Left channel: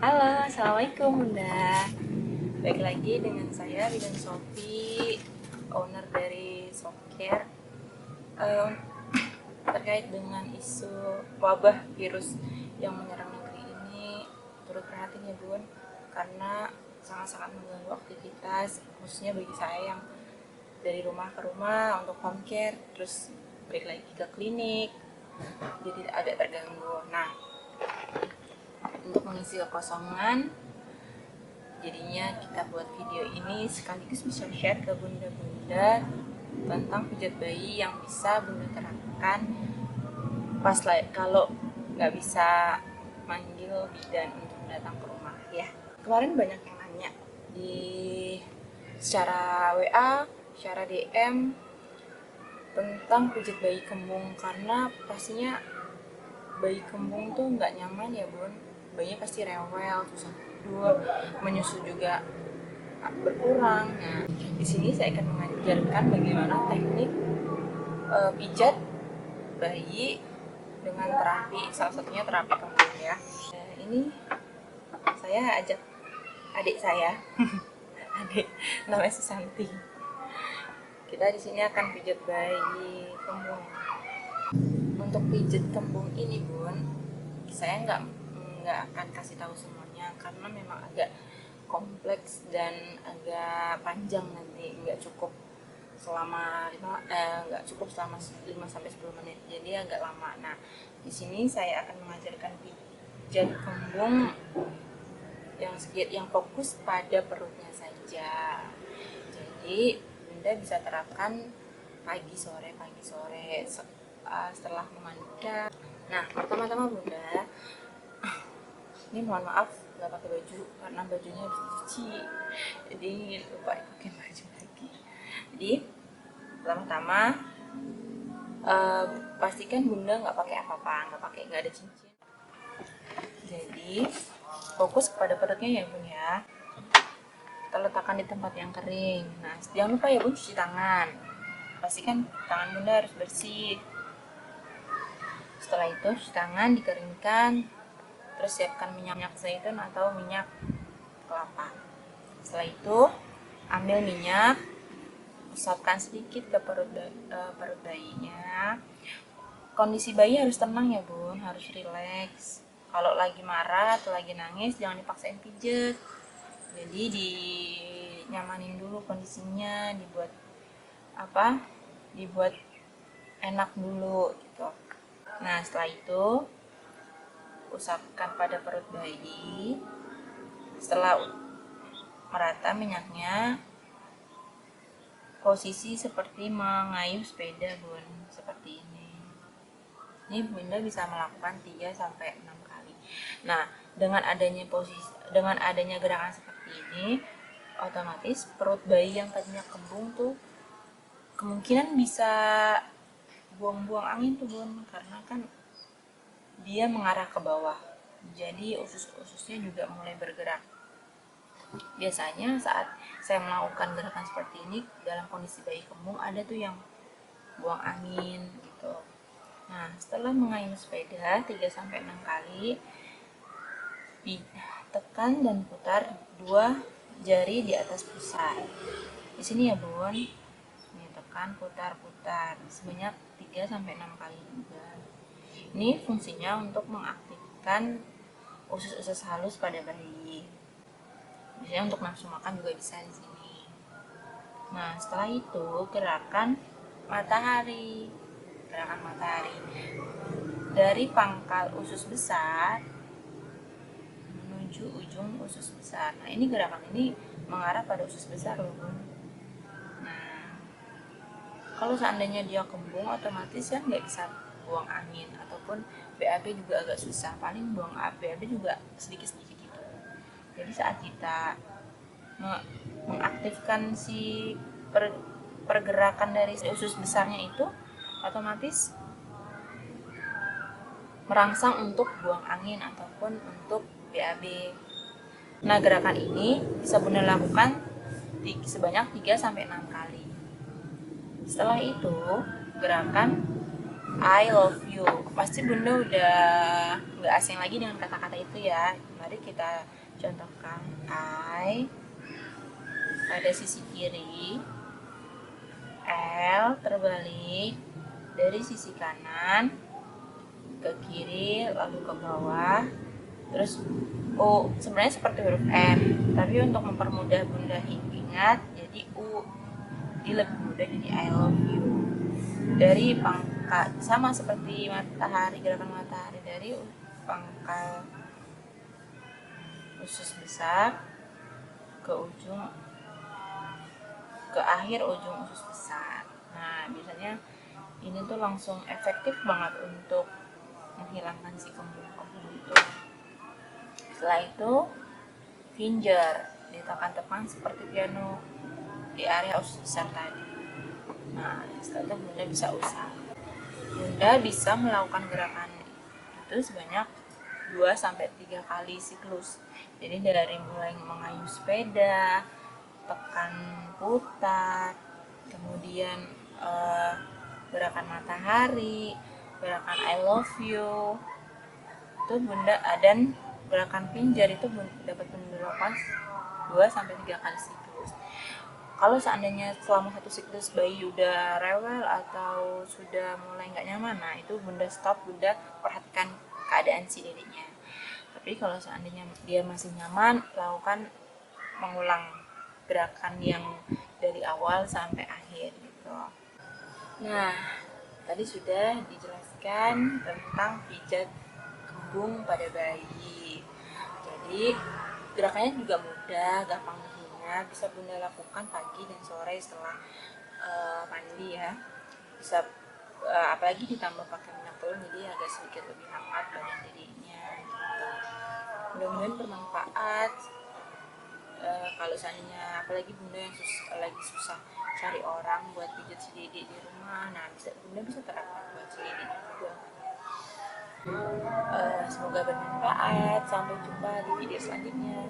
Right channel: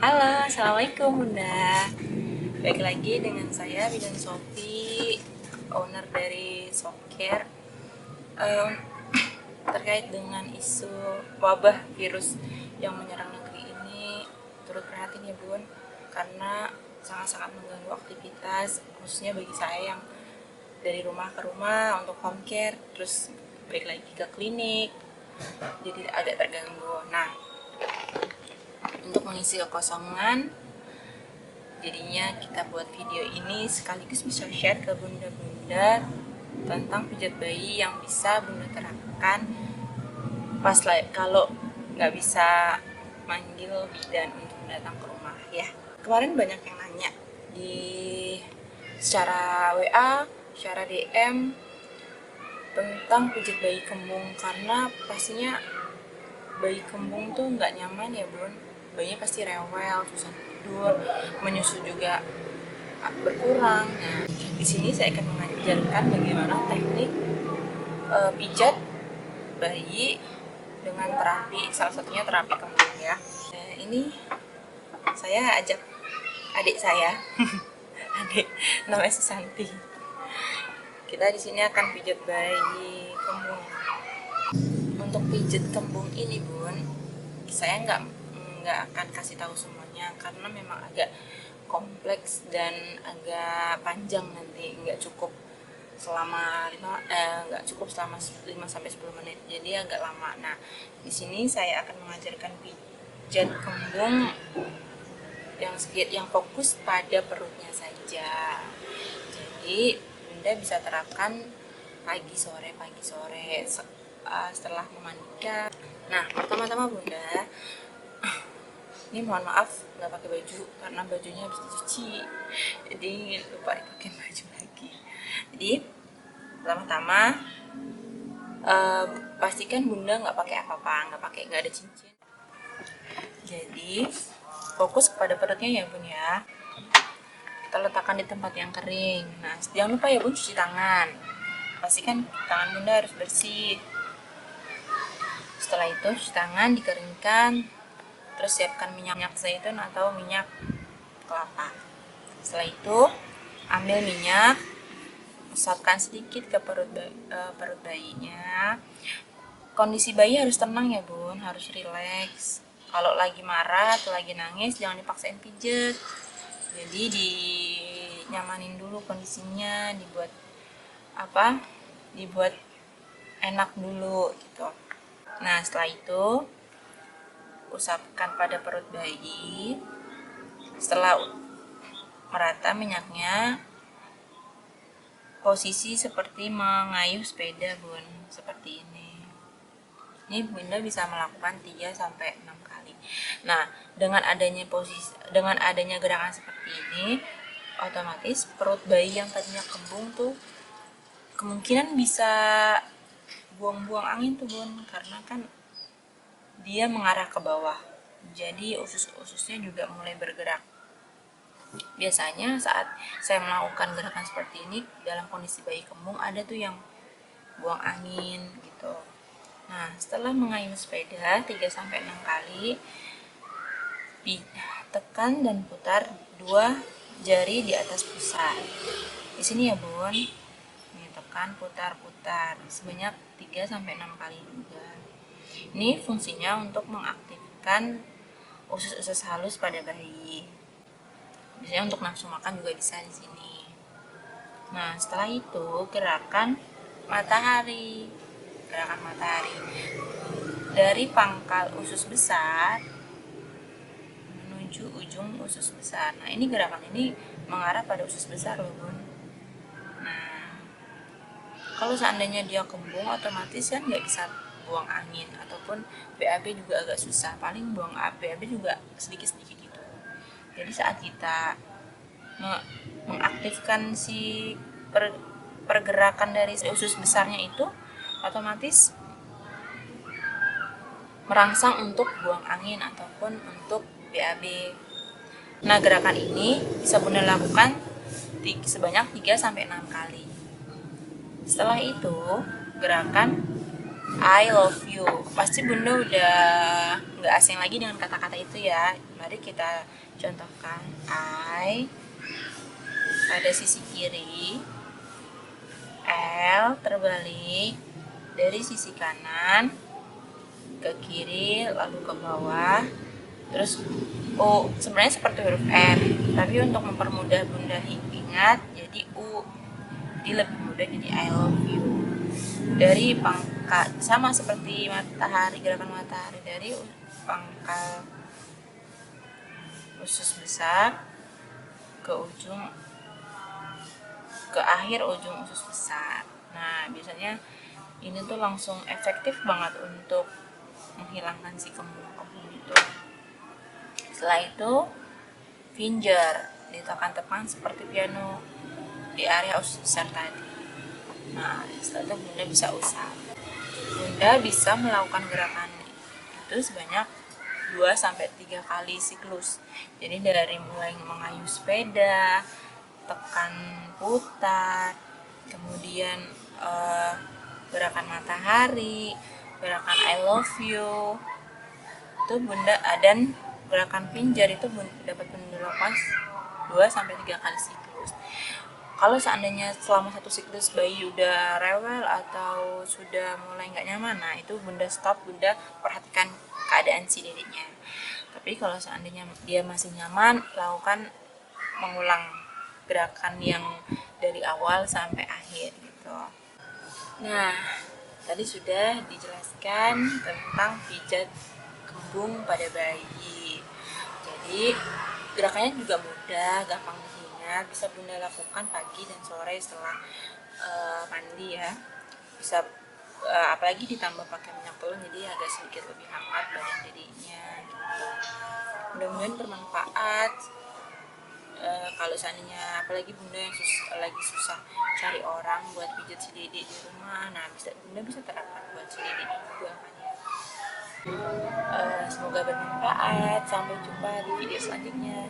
Halo, Assalamualaikum Bunda. Baik lagi dengan saya Bidan Sofi, owner dari Softcare. Em, Terkait dengan isu wabah virus yang menyerang negeri ini, turut prihatin ya Bun, karena sangat-sangat mengganggu aktivitas, khususnya bagi saya yang dari rumah ke rumah untuk home care, terus balik lagi ke klinik, jadi agak terganggu. Nah, untuk mengisi kekosongan, jadinya kita buat video ini sekaligus bisa share ke bunda-bunda tentang pijat bayi yang bisa bunda terapkan pas kalau nggak bisa manggil bidan untuk datang ke rumah ya. Kemarin banyak yang nanya di secara WA, secara DM tentang pijat bayi kembung, karena pastinya bayi kembung tuh nggak nyaman ya bun, bayinya pasti rewel, susah tidur, menyusu juga berkurang. Nah, di sini saya akan mengajarkan bagaimana teknik pijat bayi dengan terapi, salah satunya terapi kembung ya. Nah, ini saya ajak adik saya, adik namanya Susanti. Kita di sini akan pijat bayi kembung. Untuk pijat kembung ini bun, saya nggak akan kasih tahu semuanya karena memang agak kompleks dan agak panjang, nanti nggak cukup selama 5 sampai 10 menit, jadi agak lama. Nah, di sini saya akan mengajarkan pijat kembung yang fokus pada perutnya saja. Jadi bunda bisa terapkan pagi sore setelah memandikan. Nah, pertama-tama bunda, ini mohon maaf nggak pakai baju karena bajunya habis dicuci, jadi lupa dipakai baju lagi. Jadi pertama-tama pastikan bunda nggak pakai apa-apa, nggak ada cincin. Jadi fokus kepada perutnya ya bun ya. Kita letakkan di tempat yang kering. Nah, jangan lupa ya bun cuci tangan. Pastikan tangan bunda harus bersih. Setelah itu cuci tangan, dikeringkan, terus siapkan minyak zaitun atau minyak kelapa. Setelah itu ambil minyak, usapkan sedikit ke perut bayinya. Kondisi bayi harus tenang ya bun, harus rileks. Kalau lagi marah atau lagi nangis jangan dipaksain pijet. Jadi dinyamanin dulu kondisinya, dibuat enak dulu gitu. Nah, setelah itu usapkan pada perut bayi. Setelah merata minyaknya, posisi seperti mengayuh sepeda bun, seperti ini. Ini bunda bisa melakukan 3 sampai 6 kali. Nah, dengan adanya gerakan seperti ini, otomatis perut bayi yang tadinya kembung tuh kemungkinan bisa buang-buang angin tuh bun, karena kan dia mengarah ke bawah. Jadi usus-ususnya juga mulai bergerak. Biasanya saat saya melakukan gerakan seperti ini dalam kondisi bayi kembung, ada tuh yang buang angin gitu. Nah, setelah mengayuh sepeda 3 sampai 6 kali, tekan dan putar 2 jari di atas pusar. Di sini ya, Bun. Ini tekan, putar-putar sebanyak 3 sampai 6 kali juga. Ini fungsinya untuk mengaktifkan usus-usus halus pada bayi. Biasanya untuk nafsu makan juga bisa di sini. Nah, setelah itu gerakan matahari. Dari pangkal usus besar menuju ujung usus besar. Nah, ini gerakan ini mengarah pada usus besar loh bun. Nah, kalau seandainya dia kembung, otomatis kan nggak bisa buang angin, ataupun BAB juga agak susah, paling buang BAB juga sedikit-sedikit gitu. Jadi saat kita mengaktifkan si pergerakan dari usus besarnya itu, otomatis merangsang untuk buang angin ataupun untuk BAB. Nah, gerakan ini bisa bunda lakukan sebanyak 3 sampai 6 kali. Setelah itu, gerakan I love you. Pasti bunda udah nggak asing lagi dengan kata-kata itu ya. Mari kita contohkan. I pada sisi kiri, L terbalik dari sisi kanan ke kiri lalu ke bawah, terus U sebenarnya seperti huruf N, tapi untuk mempermudah bunda ingat jadi U, jadi lebih mudah jadi I love you. Dari pangkal sama seperti matahari, gerakan matahari, dari pangkal usus besar ke akhir ujung usus besar. Nah biasanya ini tuh langsung efektif banget untuk menghilangkan si kembung-kembung itu. Setelah itu finger ditekan-tekan seperti piano di area usus besar tadi. Nah setelah itu bunda bisa usap. Bunda bisa melakukan gerakan itu sebanyak 2-3 kali siklus. Jadi dari mulai mengayuh sepeda, tekan putar, kemudian gerakan matahari, gerakan I love you, itu bunda, dan gerakan pinjar itu dapat bunda lakukan 2-3 kali siklus. Kalau seandainya selama satu siklus bayi udah rewel atau sudah mulai nggak nyaman, nah itu bunda stop, bunda perhatikan keadaan si dedeknya. Tapi kalau seandainya dia masih nyaman, lakukan mengulang gerakan yang dari awal sampai akhir gitu. Nah, tadi sudah dijelaskan tentang pijat kembung pada bayi. Jadi gerakannya juga mudah, gampang diingat, bisa bunda lakukan pagi dan sore setelah mandi ya. Bisa apalagi ditambah pakai minyak telur, jadi agak sedikit lebih hangat badan dirinya gitu. Mudah-mudahan bermanfaat. Kalau seandainya apalagi bunda yang lagi susah cari orang buat pijat si dede di rumah, nah bunda bisa terapkan buat si dede juga kan ya. Semoga bermanfaat. Sampai jumpa di video selanjutnya.